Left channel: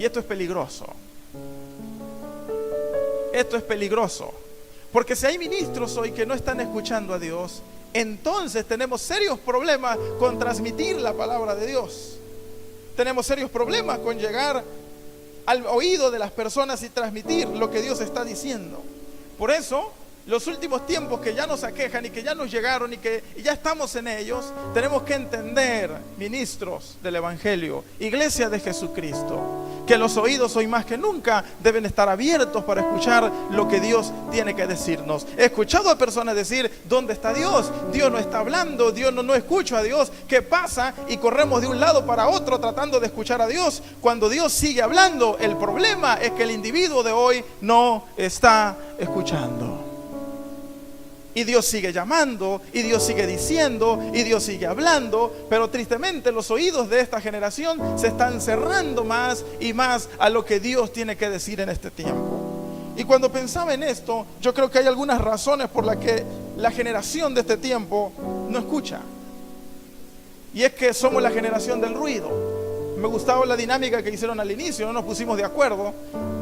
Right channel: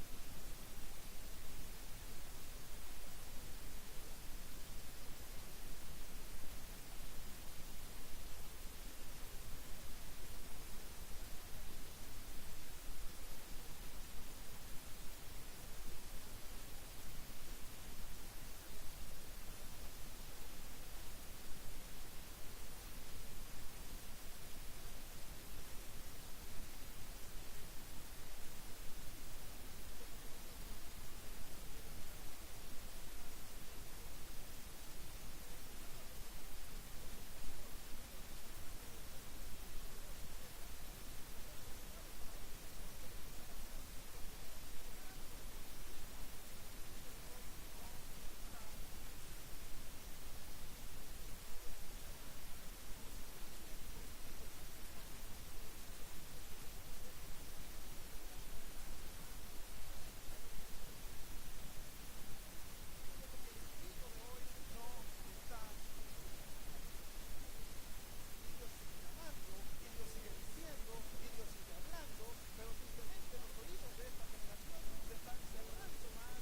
Y esto es peligroso. Esto es peligroso. Porque si hay ministros hoy que no están escuchando a Dios, entonces tenemos serios problemas con transmitir la palabra de Dios. Tenemos serios problemas con llegar al oído de las personas y transmitir lo que Dios está diciendo. Por eso, los últimos tiempos que ya nos aquejan y que ya nos llegaron y que ya estamos en ellos, tenemos que entender, ministros del Evangelio, iglesia de Jesucristo, que los oídos hoy más que nunca deben estar abiertos para escuchar lo que Dios tiene que decirnos. He escuchado a personas decir: ¿dónde está Dios? Dios no está hablando, Dios no escucho a Dios. ¿Qué pasa? Y corremos de un lado para otro tratando de escuchar a Dios, cuando Dios sigue hablando. El problema es que el individuo de hoy no está escuchando. Y Dios sigue llamando, y Dios sigue diciendo, y Dios sigue hablando, pero tristemente los oídos de esta generación se están cerrando más y más a lo que Dios tiene que decir en este tiempo. Y cuando pensaba en esto, yo creo que hay algunas razones por las que la generación de este tiempo no escucha. Y es que somos la generación del ruido. Me gustaba la dinámica que hicieron al inicio, no nos pusimos de acuerdo,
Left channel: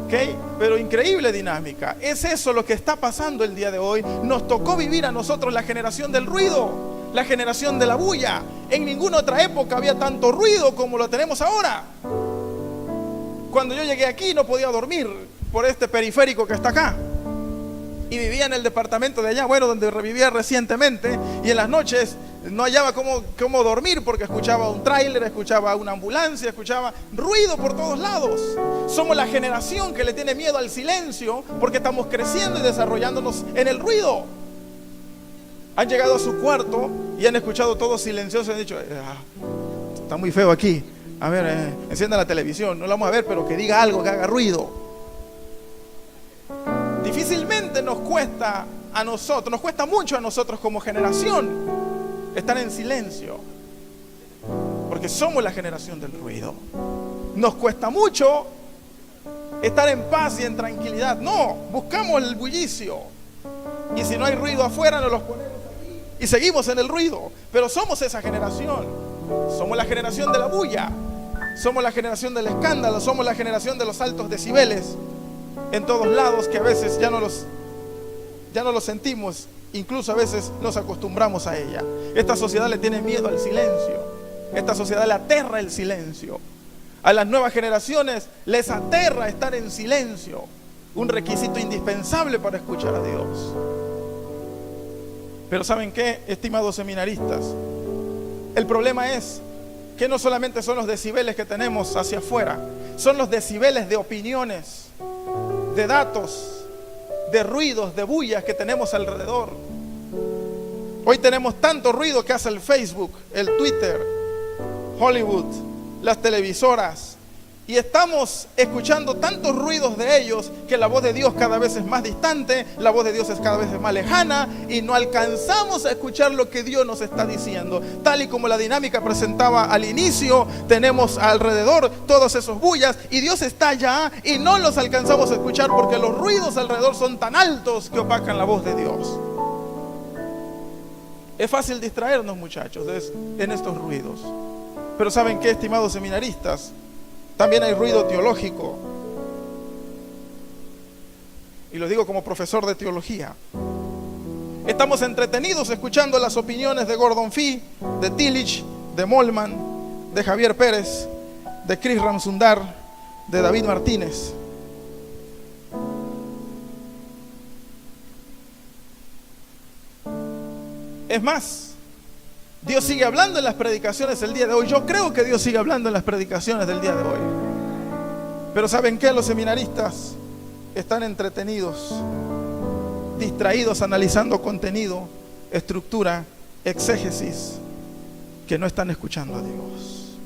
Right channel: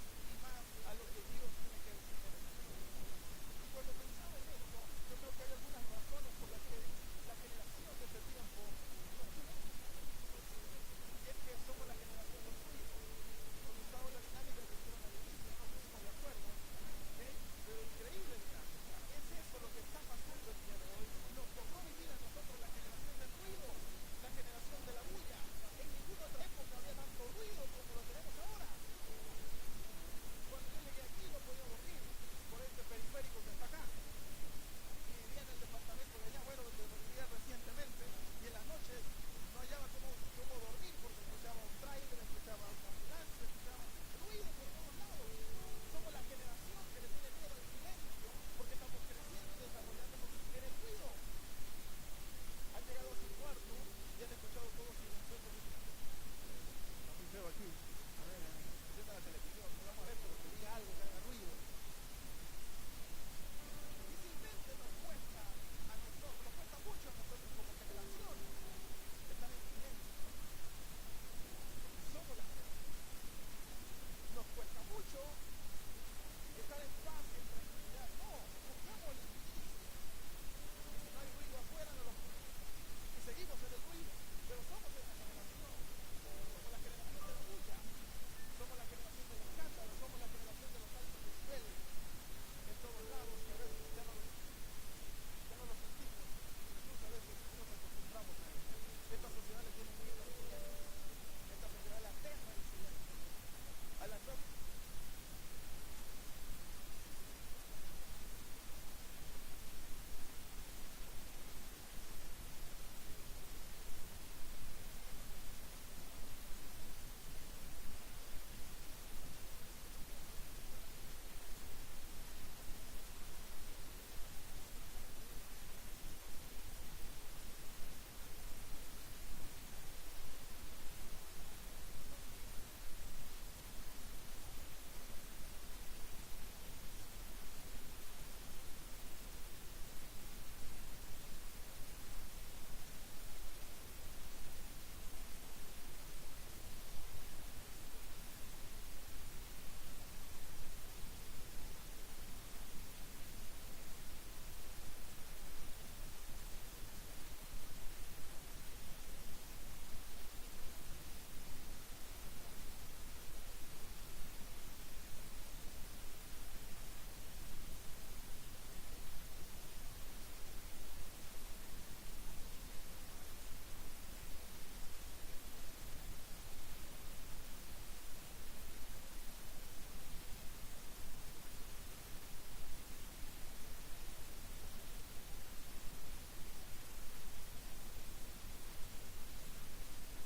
¿okay? Pero increíble dinámica. Es eso lo que está pasando el día de hoy. Nos tocó vivir a nosotros la generación del ruido, la generación de la bulla. En ninguna otra época había tanto ruido como lo tenemos ahora. Cuando yo llegué aquí no podía dormir por este periférico que está acá. Y vivía en el departamento de allá, donde vivía recientemente, y en las noches no hallaba cómo dormir porque escuchaba un tráiler, escuchaba una ambulancia, escuchaba ruido por todos lados. Somos la generación que le tiene miedo al silencio porque estamos creciendo y desarrollándonos en el ruido. Han llegado a su cuarto y han escuchado todo silencioso y han dicho: está muy feo aquí, a ver, encienda la televisión, no la vamos a ver, pero que diga algo, que haga ruido. Difícilmente nos cuesta mucho a nosotros como generación estar en silencio, porque somos la generación del ruido. Nos cuesta mucho estar en paz y en tranquilidad. No, buscamos el bullicio, y si no hay ruido afuera nos los ponemos aquí y seguimos en el ruido. Pero somos esa generación. Somos la generación de la bulla, somos la generación del escándalo, somos la generación de los altos decibeles en todos lados, que a veces ya no los sentimos, incluso a veces nos acostumbramos a ella. Esta sociedad le tiene miedo al silencio. Esta sociedad le aterra el silencio. A las nuevas generaciones les aterra estar en silencio, un requisito indispensable para escuchar a Dios. Pero ¿saben qué, estimados seminaristas? El problema es que no solamente son los decibeles que tenemos hacia afuera, son los decibeles de opiniones, de datos, de ruidos, de bullas que tenemos alrededor. Hoy tenemos tanto ruido que hace el Facebook, el Twitter, Hollywood, las televisoras, y estamos escuchando tantos ruidos de ellos que la voz de Dios cada vez es más distante, la voz de Dios es cada vez más lejana, y no alcanzamos a escuchar lo que Dios nos está diciendo. Tal y como la dinámica presentaba al inicio, tenemos alrededor todos esos bullas y Dios está allá y no los alcanzamos a escuchar porque los ruidos alrededor son tan altos que opacan la voz de Dios. Es fácil distraernos, muchachos, en estos ruidos. Pero ¿saben qué, estimados seminaristas? También hay ruido teológico. Y lo digo como profesor de teología. Estamos entretenidos escuchando las opiniones de Gordon Fee, de Tillich, de Molman, de Javier Pérez, de Chris Ramsundar, de David Martínez. Es más, Dios sigue hablando en las predicaciones el día de hoy. Yo creo que Dios sigue hablando en las predicaciones del día de hoy. Pero ¿saben qué? Los seminaristas están entretenidos, distraídos, analizando contenido, estructura, exégesis, que no están escuchando a Dios.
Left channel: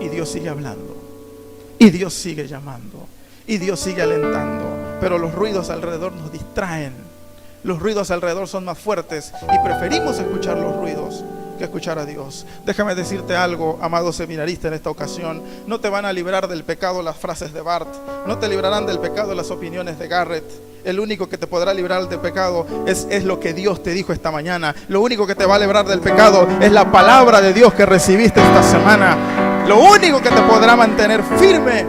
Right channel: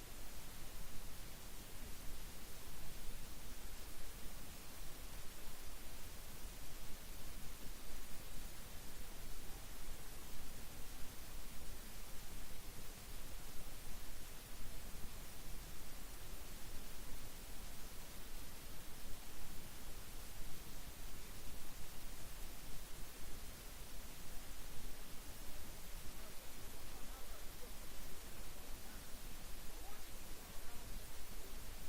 Y Dios sigue hablando, y Dios sigue llamando, y Dios sigue alentando. Pero los ruidos alrededor nos distraen. Los ruidos alrededor son más fuertes y preferimos escuchar los ruidos que escuchar a Dios. Déjame decirte algo, amado seminarista, en esta ocasión. No te van a librar del pecado las frases de Barth, no te librarán del pecado las opiniones de Garrett. El único que te podrá librar del pecado es lo que Dios te dijo esta mañana. Lo único que te va a librar del pecado es la palabra de Dios que recibiste esta semana. Lo único que te podrá mantener firme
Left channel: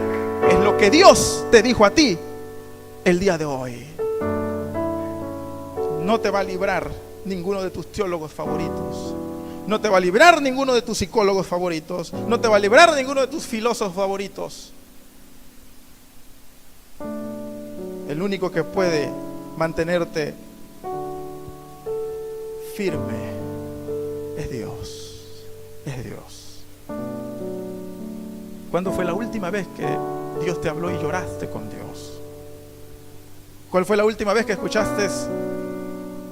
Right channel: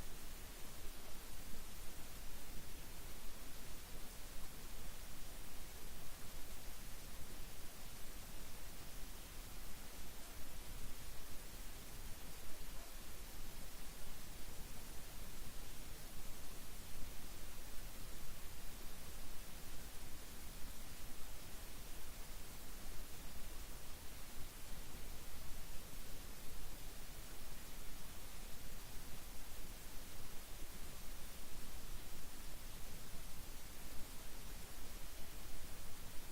es lo que Dios te dijo a ti el día de hoy. No te va a librar ninguno de tus teólogos favoritos. No te va a librar ninguno de tus psicólogos favoritos. No te va a librar ninguno de tus filósofos favoritos. El único que puede mantenerte firme es Dios. Es Dios. ¿Cuándo fue la última vez que Dios te habló y lloraste con Dios? ¿Cuál fue la última vez que escuchaste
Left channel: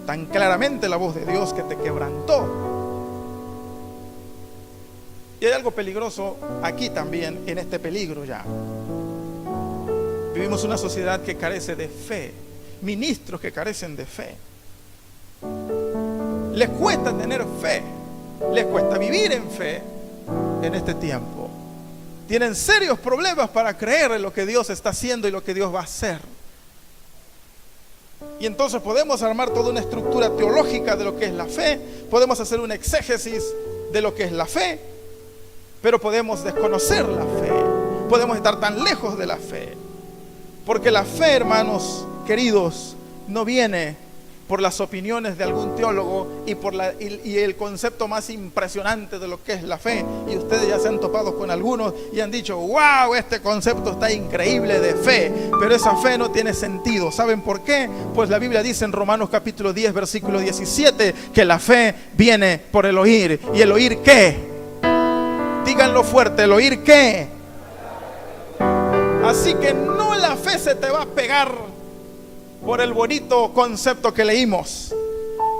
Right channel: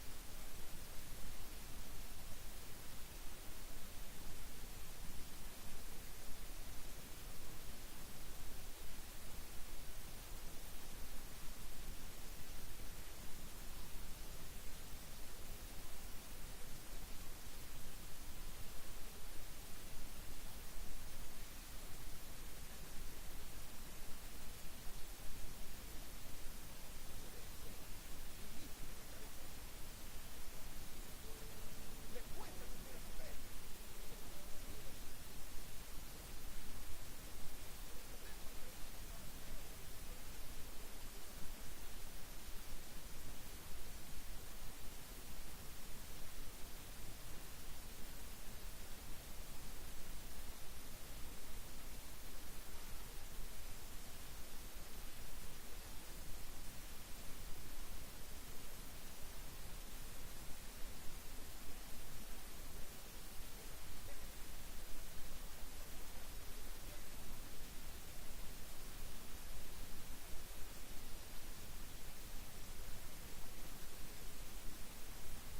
tan claramente la voz de Dios que te quebrantó? Y hay algo peligroso aquí también, en este peligro ya. Vivimos una sociedad que carece de fe, ministros que carecen de fe. Les cuesta tener fe, les cuesta vivir en fe en este tiempo. Tienen serios problemas para creer en lo que Dios está haciendo y lo que Dios va a hacer. Y entonces podemos armar toda una estructura teológica de lo que es la fe, podemos hacer un exégesis de lo que es la fe, pero podemos desconocer la fe, podemos estar tan lejos de la fe. Porque la fe, hermanos queridos, no viene por las opiniones de algún teólogo y el concepto más impresionante de lo que es la fe. Y ustedes ya se han topado con algunos y han dicho: wow, este concepto está increíble de fe. Pero esa fe no tiene sentido. ¿Saben por qué? Pues la Biblia dice en Romanos capítulo 10, versículo 17, que la fe viene por el oír. ¿Y el oír qué? Díganlo fuerte, ¿el oír qué? Así que no, la fe se te va a pegar por el bonito concepto que leímos.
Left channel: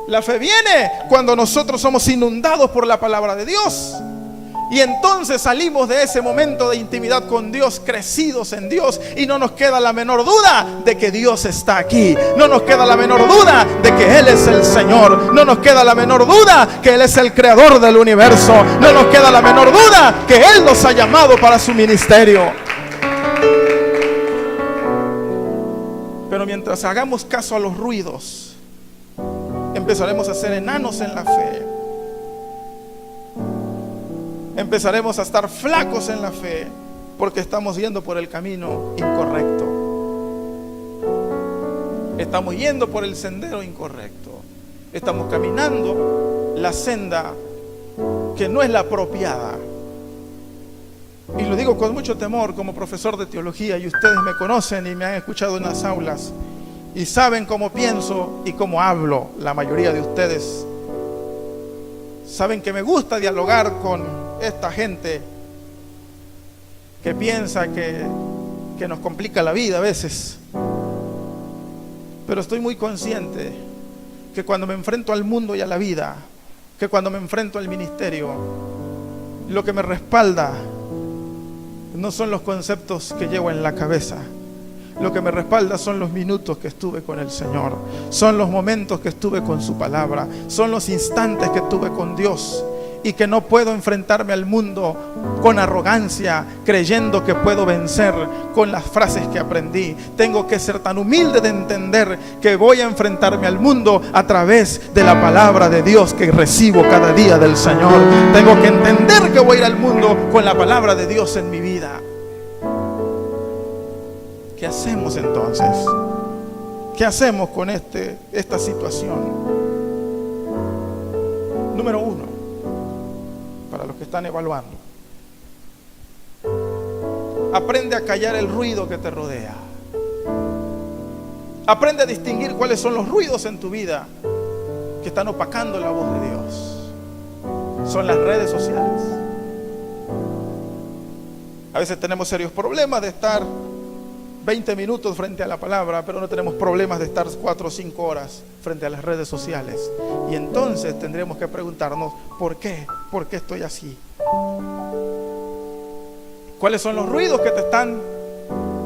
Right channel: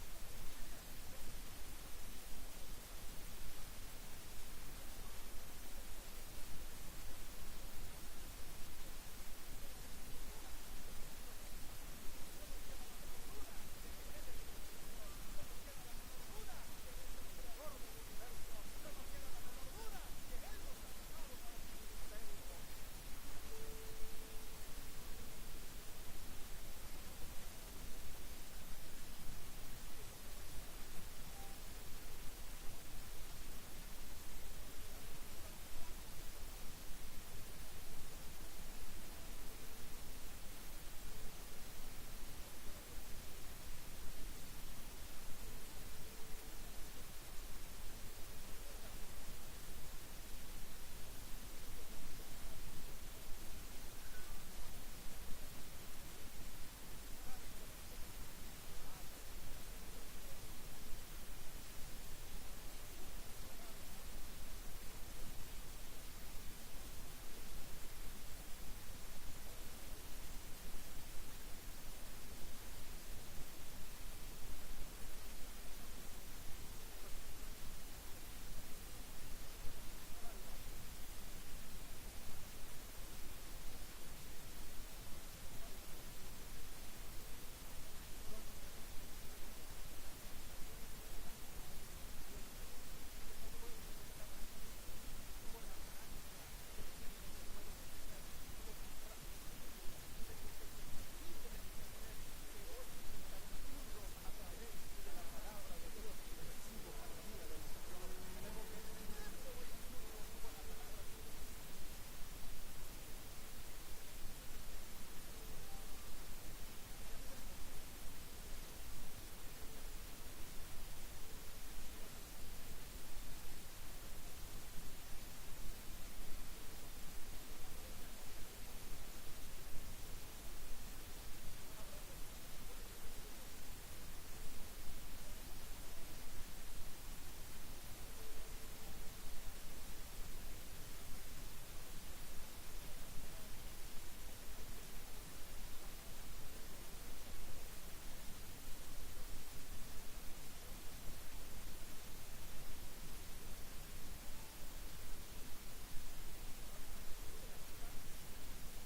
La fe viene cuando nosotros somos inundados por la palabra de Dios. Y entonces salimos de ese momento de intimidad con Dios, crecidos en Dios, y no nos queda la menor duda de que Dios está aquí. No nos queda la menor duda de que Él es el Señor. No nos queda la menor duda que Él es el creador del universo. No nos queda la menor duda que Él nos ha llamado para su ministerio. Pero mientras hagamos caso a los ruidos, empezaremos a ser enanos en la fe. Empezaremos a estar flacos en la fe, porque estamos yendo por el camino incorrecto. Estamos yendo por el sendero incorrecto. Estamos caminando la senda que no es la apropiada. Y lo digo con mucho temor como profesor de teología, y ustedes me conocen y me han escuchado en las aulas y saben cómo pienso y cómo hablo. La mayoría de ustedes saben que me gusta dialogar con esta gente que piensa que nos complica la vida a veces. Pero estoy muy consciente que cuando me enfrento al mundo y a la vida, que cuando me enfrento al ministerio, lo que me respalda no son los conceptos que llevo en la cabeza. Lo que me respalda son los minutos que estuve con el Señor, son los momentos que estuve con su palabra, son los instantes que tuve con Dios. Y que no puedo enfrentarme al mundo con arrogancia, creyendo que puedo vencer con las frases que aprendí. Tengo que ser tan humilde de entender que voy a enfrentarme al mundo a través de la palabra de Dios que recibo cada día del Señor. Tengo que entender que voy a ir al mundo con la palabra de Dios en mi vida. ¿Qué hacemos entonces? ¿Qué hacemos con esta situación? Número 1, para los que están evaluando: aprende a callar el ruido que te rodea. Aprende a distinguir cuáles son los ruidos en tu vida que están opacando la voz de Dios. Son las redes sociales. A veces tenemos serios problemas de estar 20 minutos frente a la palabra, pero no tenemos problemas de estar 4 o 5 horas frente a las redes sociales. Y entonces tendremos que preguntarnos: ¿por qué? ¿Por qué estoy así? ¿Cuáles son los ruidos que te están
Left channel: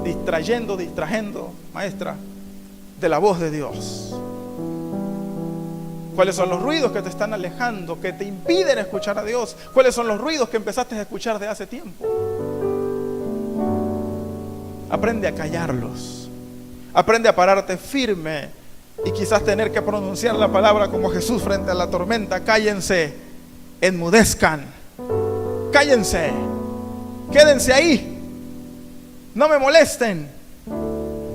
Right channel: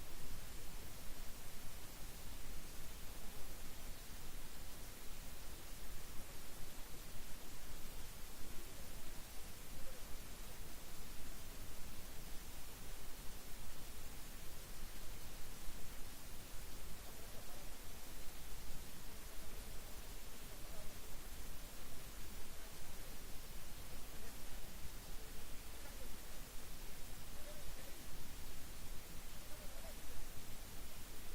distrayendo, maestra, de la voz de Dios? ¿Cuáles son los ruidos que te están alejando, que te impiden escuchar a Dios? ¿Cuáles son los ruidos que empezaste a escuchar de hace tiempo? Aprende a callarlos. Aprende a pararte firme y quizás tener que pronunciar la palabra como Jesús frente a la tormenta: cállense, enmudezcan, cállense. Quédense ahí, no me molesten.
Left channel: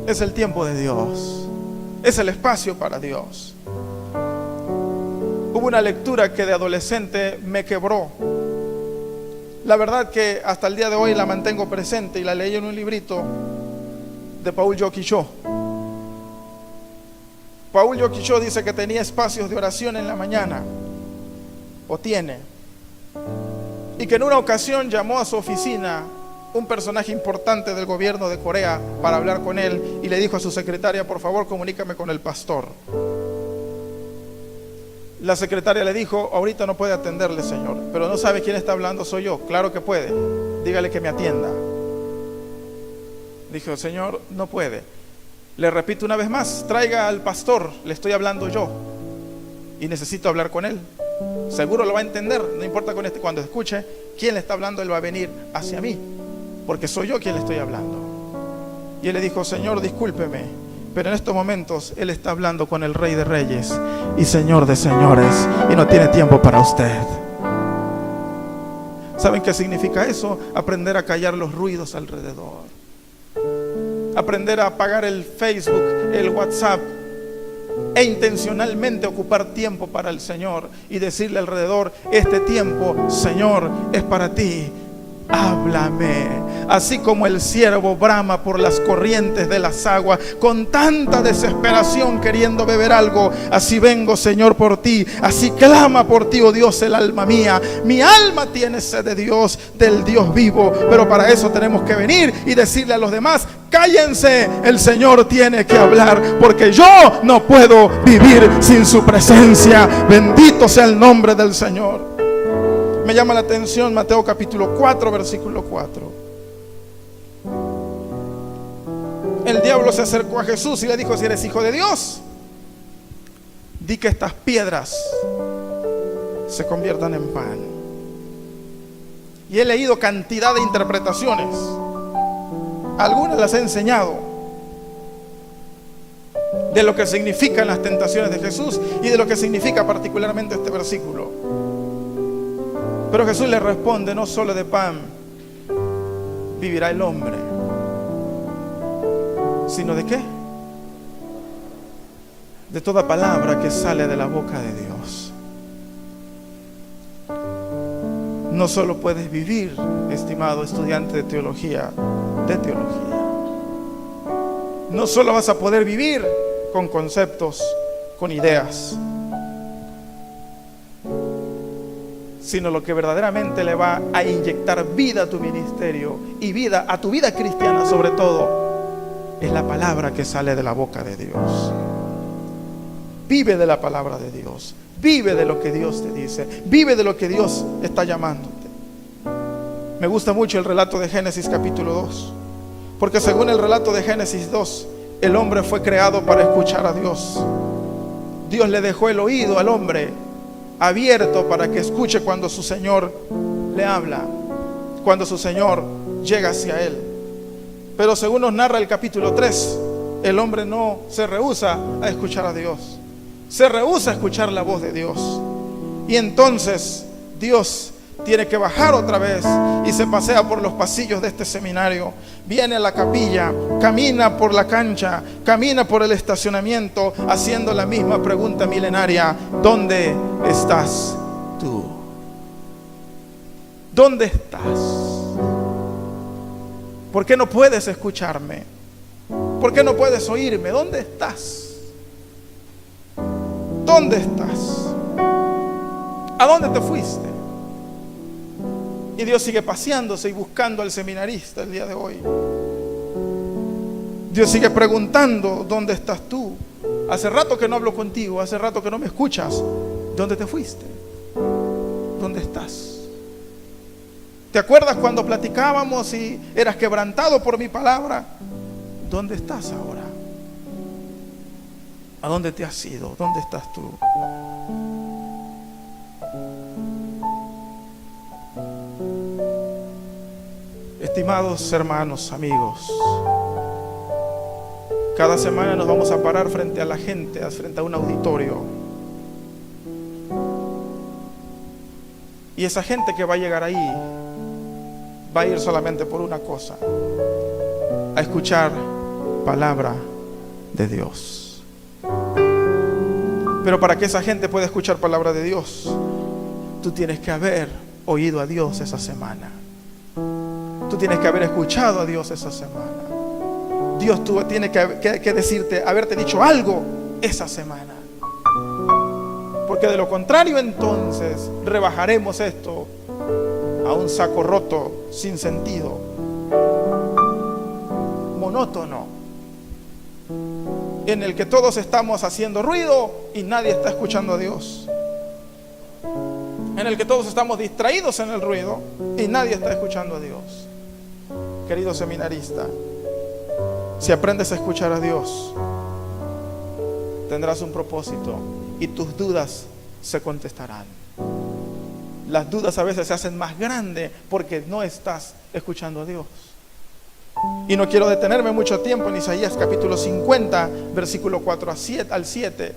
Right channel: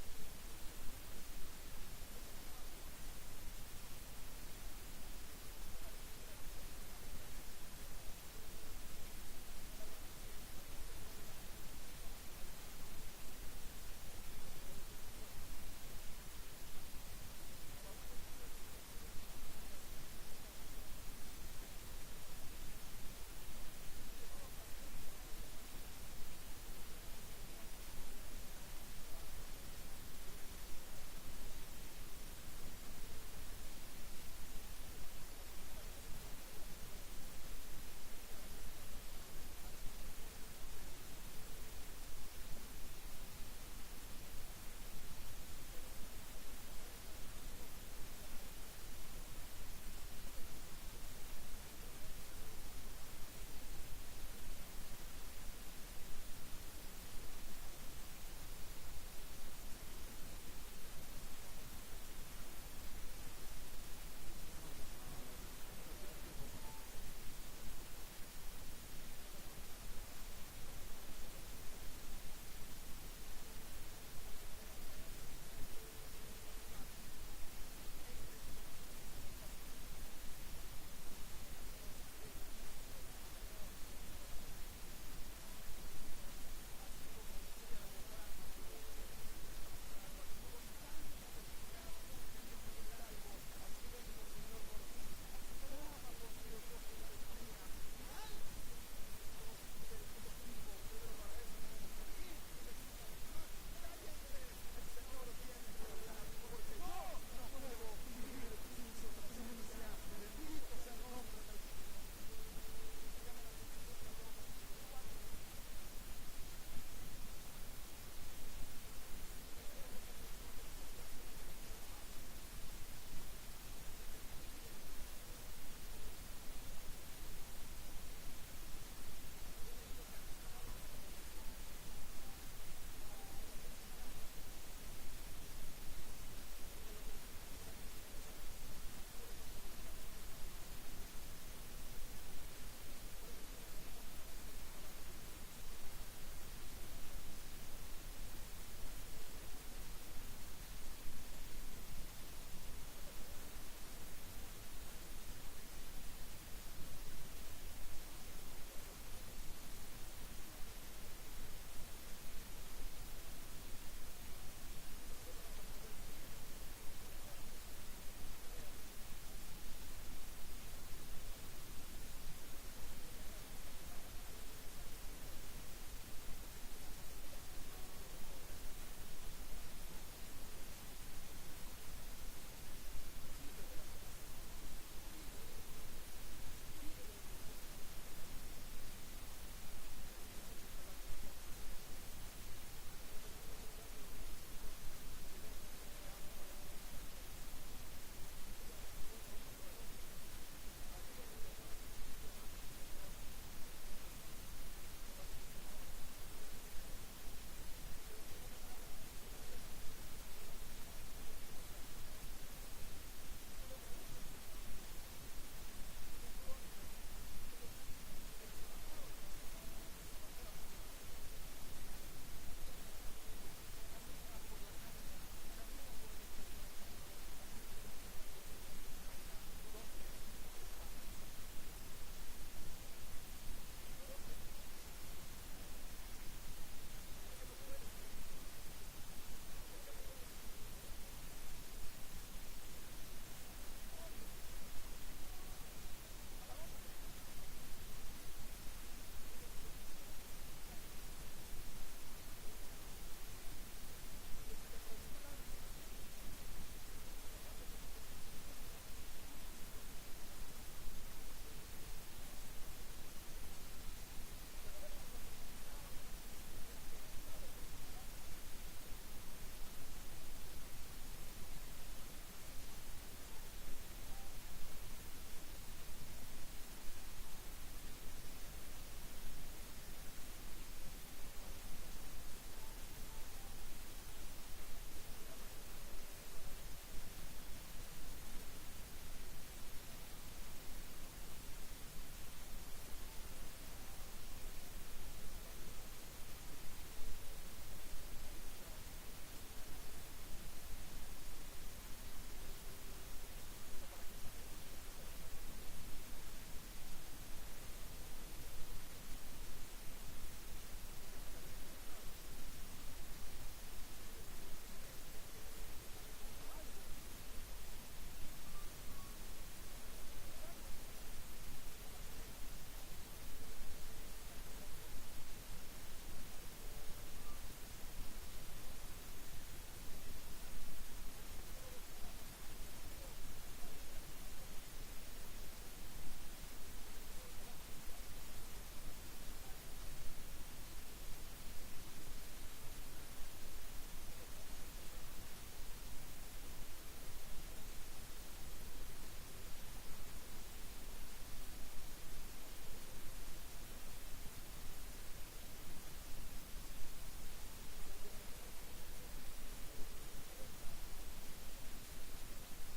Es el tiempo de Dios, es el espacio para Dios. Hubo una lectura que de adolescente me quebró. La verdad que hasta el día de hoy la mantengo presente y la leí en un librito de Paul Jokicho. Paul Jokicho dice que tenía espacios de oración en la mañana, o tiene, y que en una ocasión llamó a su oficina un personaje importante del gobierno de Corea para hablar con él, y le dijo a su secretaria: por favor, comunícame con el pastor. La secretaria le dijo: ahorita no puede atenderle, señor. Pero no sabe quién está hablando. Soy yo. Claro que puede, dígale que me atienda. Dijo: señor, no puede. Le repito una vez más, traiga al pastor, le estoy hablando yo y necesito hablar con él. Seguro lo va a entender, no importa cuando escuche quién le está hablando, él va a venir hacia mí, porque soy yo quien le estoy hablando. Y él le dijo: señor, discúlpeme, pero en estos momentos él está hablando con el Rey de Reyes y Señor de Señores, y no tiene tiempo para usted. ¿Saben qué significa eso? Aprender a callar los ruidos alrededor, aprender a apagar el Facebook, el WhatsApp, e intencionalmente ocupar tiempo para el Señor y decirle alrededor: este tiempo, Señor, es para ti. Háblame. Así como el siervo brama por las corrientes de las aguas con tanta desesperación queriendo beber algo, así vengo, Señor, por ti. Así clama por ti, oh Dios, el alma mía. Mi alma tiene sed de Dios, del Dios vivo. Pero para eso tenemos que venir y decirle a los demás: cállense, el Señor tiene que hablar, porque yo no puedo vivir sin su presencia. Bendito sea el nombre del Señor. Me llama la atención Mateo capítulo 4, versículo 4. El diablo se acercó a Jesús y le dijo: si eres hijo de Dios, di que estas piedras se conviertan en pan. Y he leído cantidad de interpretaciones, algunas las he enseñado, de lo que significan las tentaciones de Jesús y de lo que significa particularmente este versículo. Pero Jesús le responde: no solo de pan vivirá el hombre, sino ¿de qué? De toda palabra que sale de la boca de Dios. No solo puedes vivir, estimado estudiante de teología, no solo vas a poder vivir con conceptos, con ideas, sino lo que verdaderamente le va a inyectar vida a tu ministerio y vida a tu vida cristiana, sobre todo, es la palabra que sale de la boca de Dios. Vive de la palabra de Dios, vive de lo que Dios te dice, vive de lo que Dios está llamándote. Me gusta mucho el relato de Génesis capítulo 2, porque según el relato de Génesis 2, el hombre fue creado para escuchar a Dios. Dios le dejó el oído al hombre abierto para que escuche cuando su Señor le habla, cuando su Señor llega hacia él. Pero según nos narra el capítulo 3, el hombre no se rehúsa a escuchar a Dios, se rehúsa a escuchar la voz de Dios. Y entonces Dios tiene que bajar otra vez y se pasea por los pasillos de este seminario, viene a la capilla, camina por la cancha, camina por el estacionamiento, haciendo la misma pregunta milenaria: ¿dónde estás tú? ¿Dónde estás? ¿Por qué no puedes escucharme? ¿Por qué no puedes oírme? ¿Dónde estás? ¿Dónde estás? ¿A dónde te fuiste? Y Dios sigue paseándose y buscando al seminarista el día de hoy. Dios sigue preguntando: ¿dónde estás tú? Hace rato que no hablo contigo, hace rato que no me escuchas. ¿Dónde te fuiste? ¿Dónde estás? ¿Te acuerdas cuando platicábamos y eras quebrantado por mi palabra? ¿Dónde estás ahora? ¿A dónde te has ido? ¿Dónde estás tú? Estimados hermanos, amigos, cada semana nos vamos a parar frente a la gente, frente a un auditorio. Y esa gente que va a llegar ahí va a ir solamente por una cosa: a escuchar palabra de Dios. Pero para que esa gente pueda escuchar palabra de Dios, tú tienes que haber oído a Dios esa semana. Tú tienes que haber escuchado a Dios esa semana. Dios tiene que decirte, haberte dicho algo esa semana. Porque de lo contrario, entonces rebajaremos esto a un saco roto, sin sentido, monótono, en el que todos estamos haciendo ruido y nadie está escuchando a Dios, en el que todos estamos distraídos en el ruido y nadie está escuchando a Dios. Querido seminarista, si aprendes a escuchar a Dios, tendrás un propósito y tus dudas se contestarán. Las dudas a veces se hacen más grandes porque no estás escuchando a Dios. Y no quiero detenerme mucho tiempo en Isaías capítulo 50, versículo 4 al 7.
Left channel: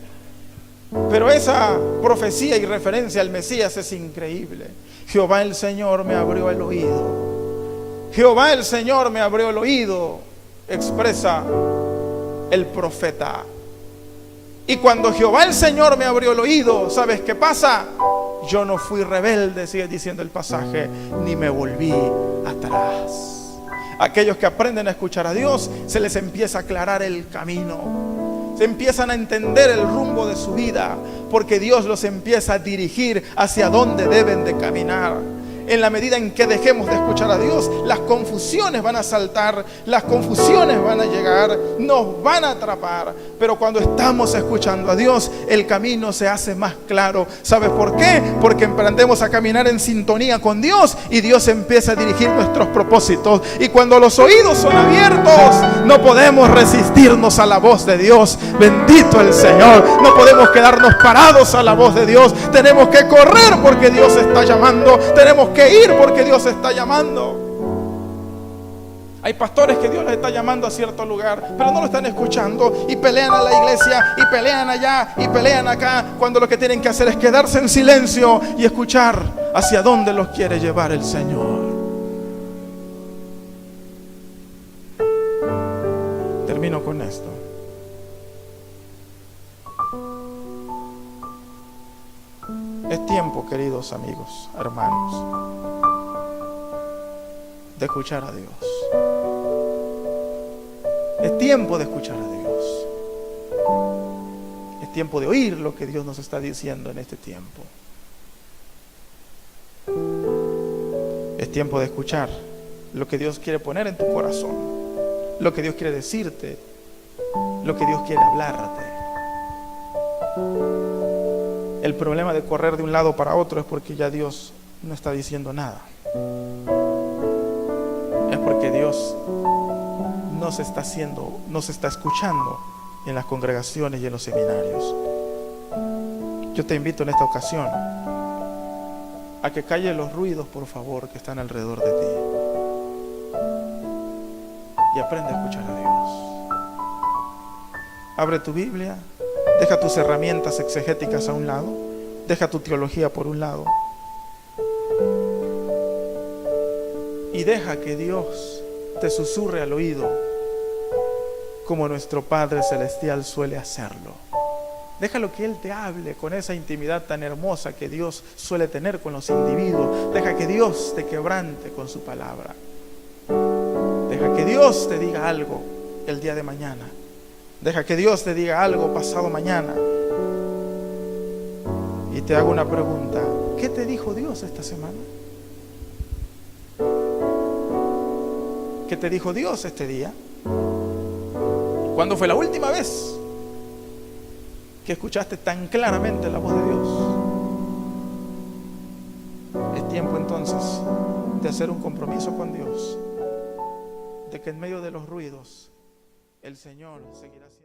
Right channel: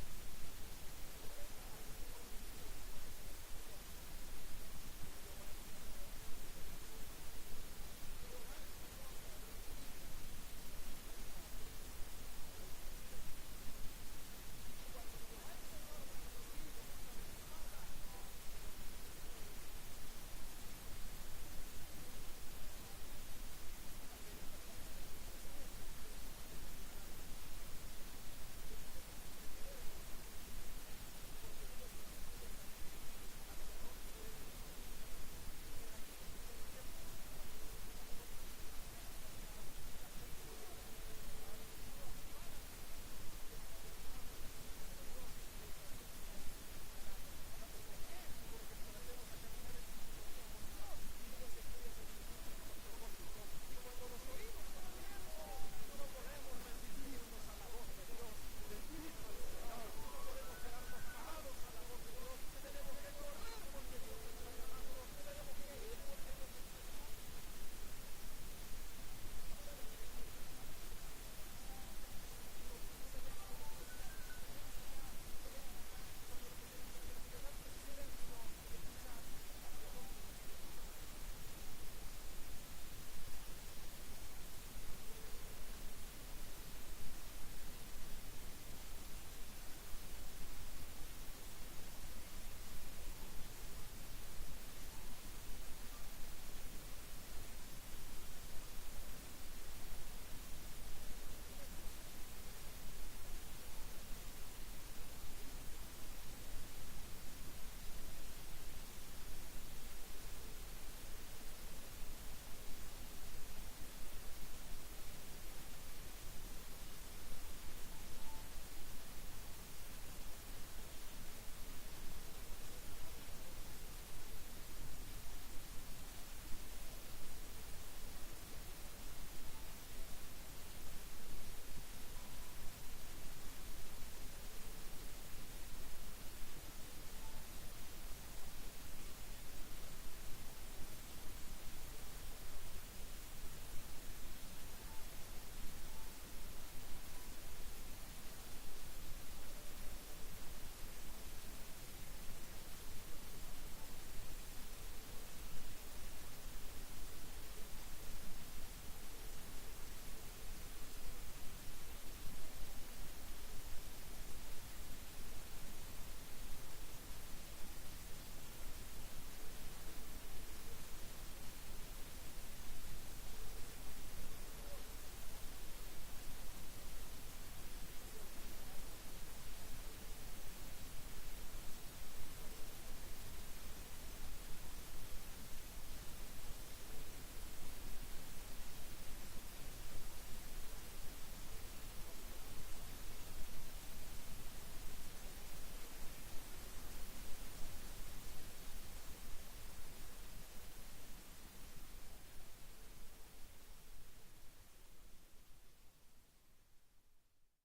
Pero esa profecía y referencia al Mesías es increíble. Jehová el Señor me abrió el oído. Jehová el Señor me abrió el oído, expresa el profeta. Y cuando Jehová el Señor me abrió el oído, ¿sabes qué pasa? Yo no fui rebelde, sigue diciendo el pasaje, ni me volví atrás. Aquellos que aprenden a escuchar a Dios, se les empieza a aclarar el camino. Se empiezan a entender el rumbo de su vida, porque Dios los empieza a dirigir hacia dónde deben de caminar. En la medida en que dejemos de escuchar a Dios, las confusiones van a saltar, las confusiones van a llegar, nos van a atrapar. Pero cuando estamos escuchando a Dios, el camino se hace más claro. ¿Sabes por qué? Porque emprendemos a caminar en sintonía con Dios y Dios empieza a dirigir nuestros propósitos. Y cuando los oídos son abiertos, no podemos resistirnos a la voz de Dios. Bendito el Señor. No podemos quedarnos parados a la voz de Dios. Tenemos que correr porque Dios está llamando. Tenemos que ir porque Dios está llamando. Hay pastores que Dios les está llamando a cierto lugar, pero no lo están escuchando y pelean a la iglesia y pelean allá y pelean acá, cuando lo que tienen que hacer es quedarse en silencio y escuchar hacia dónde los quiere llevar el Señor. Termino con esto. Es tiempo, queridos amigos, hermanos, de escuchar a Dios. Es tiempo de escuchar a Dios. Es tiempo de oír lo que Dios nos está diciendo en este tiempo. Es tiempo de escuchar lo que Dios quiere poner en tu corazón, lo que Dios quiere decirte, lo que Dios quiere hablarte. El problema de correr de un lado para otro es porque ya Dios no está diciendo nada. Es porque Dios no se está escuchando en las congregaciones y en los seminarios. Yo te invito en esta ocasión a que calles los ruidos, por favor, que están alrededor de ti, y aprende a escuchar a Dios. Abre tu Biblia. Deja tus herramientas exegéticas a un lado. Deja tu teología por un lado. Y deja que Dios te susurre al oído, como nuestro Padre Celestial suele hacerlo. Déjalo que Él te hable con esa intimidad tan hermosa que Dios suele tener con los individuos. Deja que Dios te quebrante con su palabra. Deja que Dios te diga algo el día de mañana. Deja que Dios te diga algo pasado mañana. Y te hago una pregunta: ¿qué te dijo Dios esta semana? ¿Qué te dijo Dios este día? ¿Cuándo fue la última vez que escuchaste tan claramente la voz de Dios? Es tiempo entonces de hacer un compromiso con Dios, de que en medio de los ruidos el Señor seguirá siendo.